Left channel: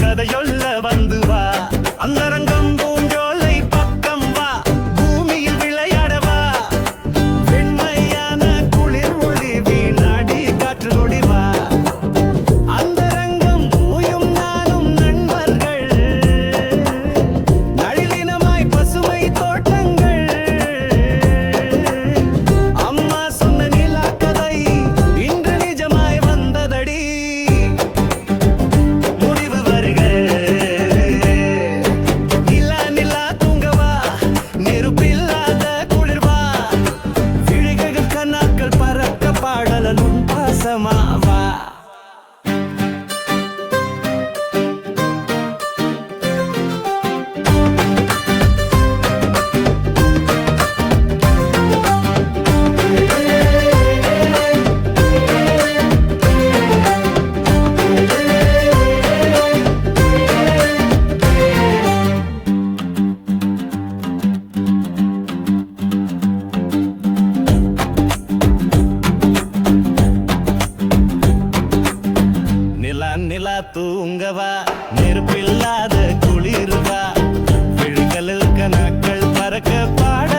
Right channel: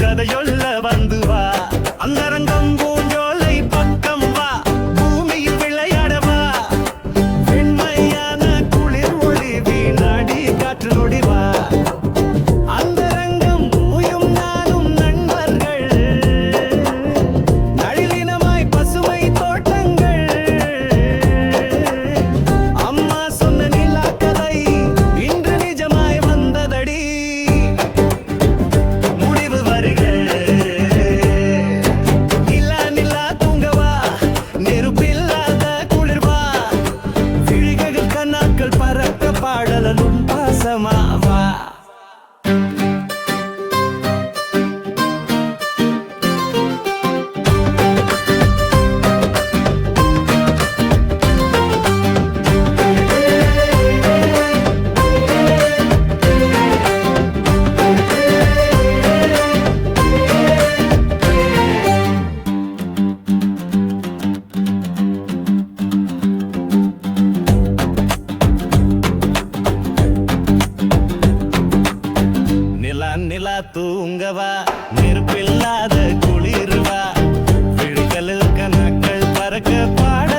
கதையொல்ல வந்து வா, அந்தரங்கம் பூஞ்சோலை பக்கம் வா, பூமியில் விளையாடவா, வெண்மையான குளிர் ஒளி வீணாடி காற்று நொடி வா, அந்தரங்கம் மூயும் நானும் நண்பர்கள், நழிலினமாய் பசுமை தோட்டங்கள், அம்மா சொன்ன நிலா கதை இன்று நிஜமாய் வந்ததடி. பறக்க பாடலும் பாசமாவா, நிலா தூங்கவா, நெருப்பில்லாத குளிர்வா, விழிகளில் கணக்கள் பறக்க பாட